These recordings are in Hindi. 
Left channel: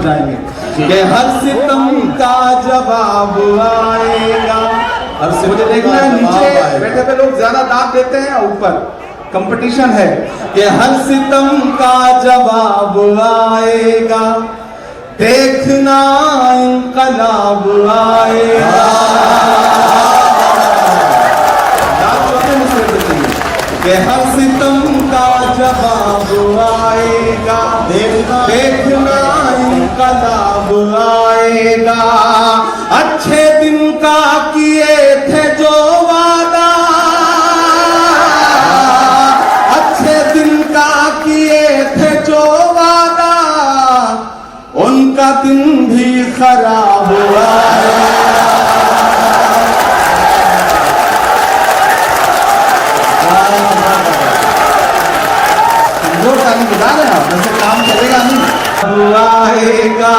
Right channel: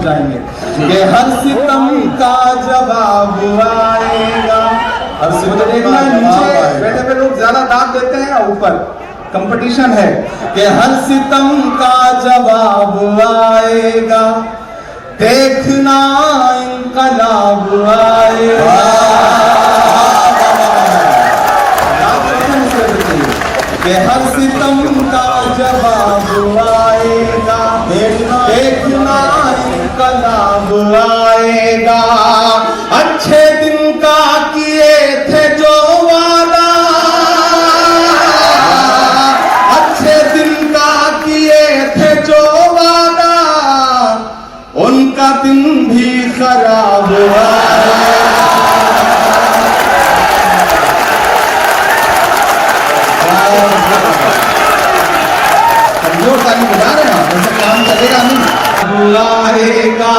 हम गाएंगे कि हर सितम का जवाब आएगा। हर सितम देखना नीचे बैठे हुए लोग ज्यादा दाब देते हैं, ऊपर कंपटीशन है कि हर सितम का जवाब आएगा, देखना इंकलाब आएगा। कि हर सितम का जवाब आएगा, देखना इंकलाब आएगा। अच्छे दिन का किए थे जो वादा, अच्छे दिन का किए थे जो वादा, उनका दिन भी खराब आएगा। ताली बजा रहे हैं, वैसे काम चलेगा नहीं। आएगा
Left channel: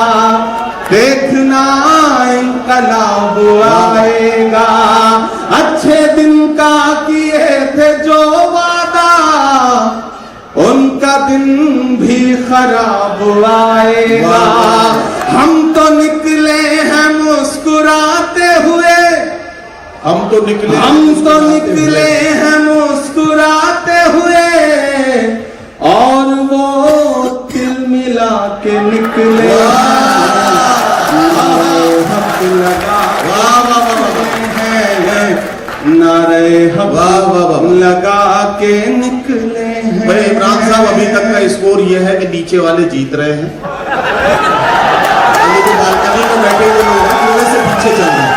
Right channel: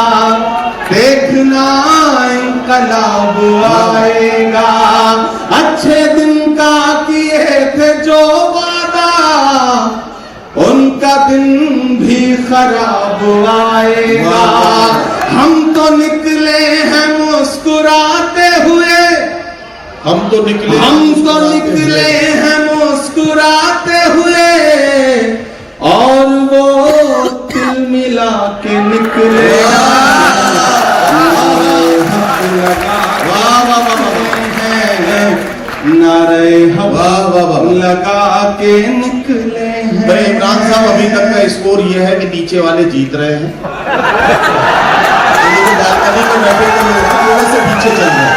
देखना इंकलाब आएगा, अच्छे दिन का किए थे जो वादा, उनका दिन भी खराब आएगा। हम तो निकले हैं मुस्कुराते हुए, हम तो निकले हैं मुस्कुराते हुए, और वो तिल मिला के निकले। नारे हक लगा के निकले। भाई इमरान साहब, अभी तक का स्कोर यह है कि नीचे वाले जीत रहे हैं। तो बालकनी में बैठे हुए लोग थोड़े से पीछे चल रहे हैं।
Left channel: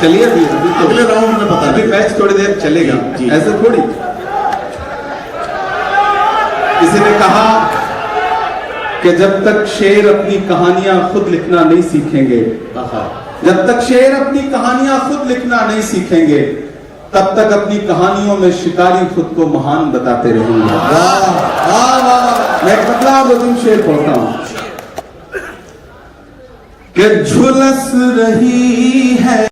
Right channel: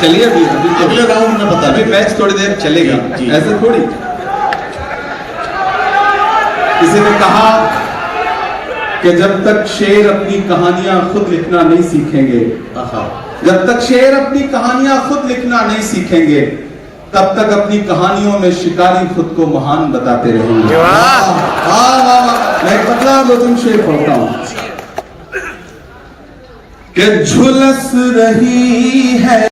चलिए अभी तो अगले राउंड में पता अभी मैच थोड़ी देर चलेगा, ऐसा थोड़ी। किसी ने कहा कि जब तक शेर अपनी कहानियां खुद लिखना नहीं सीखेंगे, जब तक शेर अपनी कहानियां खुद लिखना नहीं सीखेंगे, तब तक अपनी कहानियों में शिकारी खुद को महान बताते रहेंगे। मैं एक पतला दो तुम शेर पढ़ता हूं कि झुलस रही है